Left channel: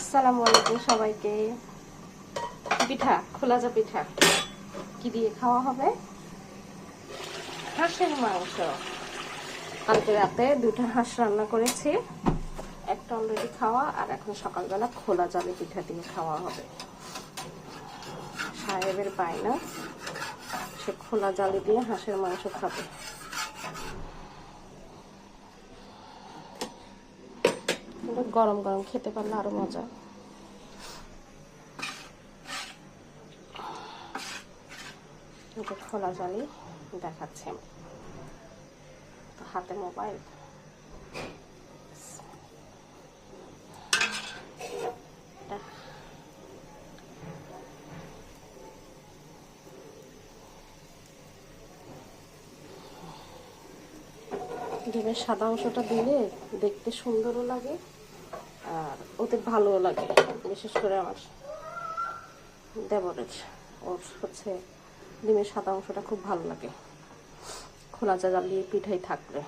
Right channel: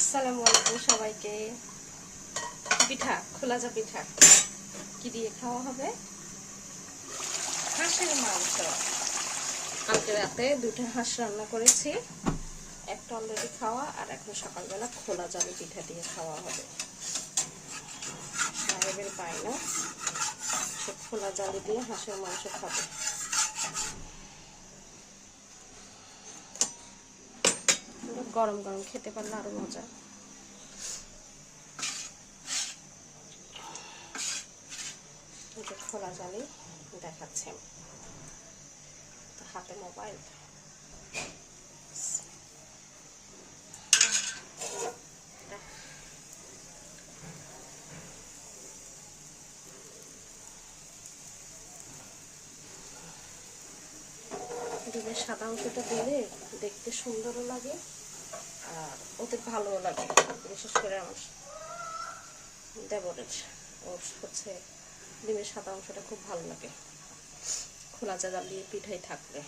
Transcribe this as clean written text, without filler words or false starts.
আসসালামু আলাইকুম সবাইকে। পিঠা, খোলাজা পিঠা কি দিয়ে খাওয়া হবে? হাঁসের মাংস। কালকে রাতে দুটো হাঁস রান্না করেছি, একটা অলরেডি খাওয়া, আর এখন সকালবেলা খোলা জালি পিঠা দিয়ে খাওয়া হবে। সাহেবের বায়না, সে খোলা জালি দিয়ে হাঁসের মাংস খাবে। গরম গরম খেতে পারলে আরো মজা। খোলা জালি দেখাচ্ছে, তো হাতে মোবাইল। ডিমের সাদা অংশটা দিলে দেখতে সুন্দরও লাগে আর ওতে ভালোও লাগে। বিশেষ করে আমার দেবরের, ওর হচ্ছে ডিমের সাদা অংশটা খুব ভালো লাগে খোলা জালি পিঠাই থাকলে।